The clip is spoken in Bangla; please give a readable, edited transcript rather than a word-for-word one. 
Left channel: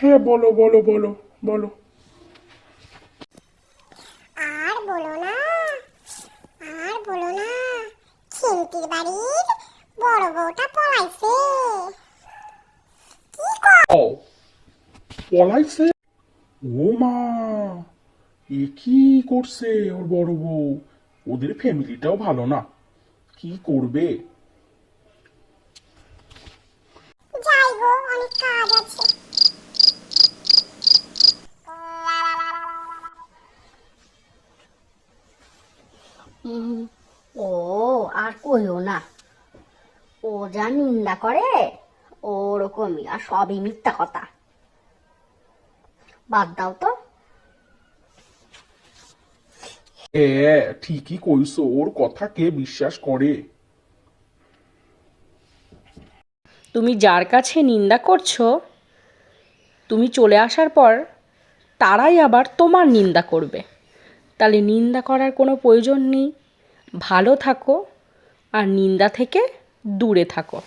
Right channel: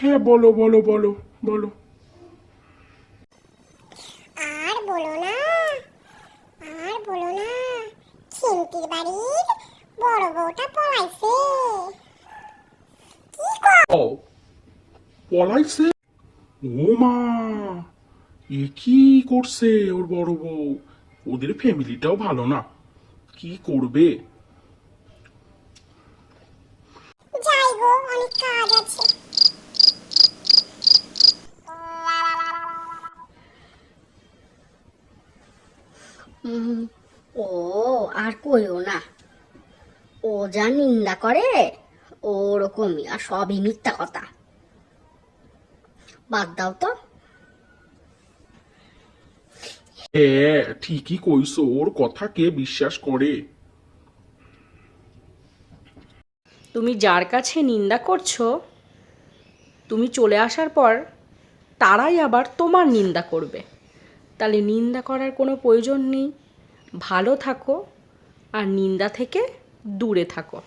হ্যাঁ, বলো বলো বলো বলো। আর বলো না, আর বলো না, খিন্তির বাড়ির বড় বউটা পলাইছে। কি কর? ও, পলাইছে? ও মা, এ কি করছে ওর বড় বউ? ওদের ফ্যামিলিটাও ভালো না, কি করবে? যাই গো, অনেক কাজ আছে। ও আর কইও না, ও যা নিন্দা করে ওরকমই, আর সবই মিথ্যা কথা। বাদ দাও তো। হ্যাঁ, ঠিকই কইছো, ওর কথা কে বিশ্বাস করে? তুমি যার কাছে নিন্দা করছো, তুমি চলে আসার পর তারাই আবার তোমার নিন্দা করবে। তাহলে নিন্দা করার কোনো প্রয়োজন নেই। ভালো থাকো আর নিন্দা থেকে দূরে থাকো।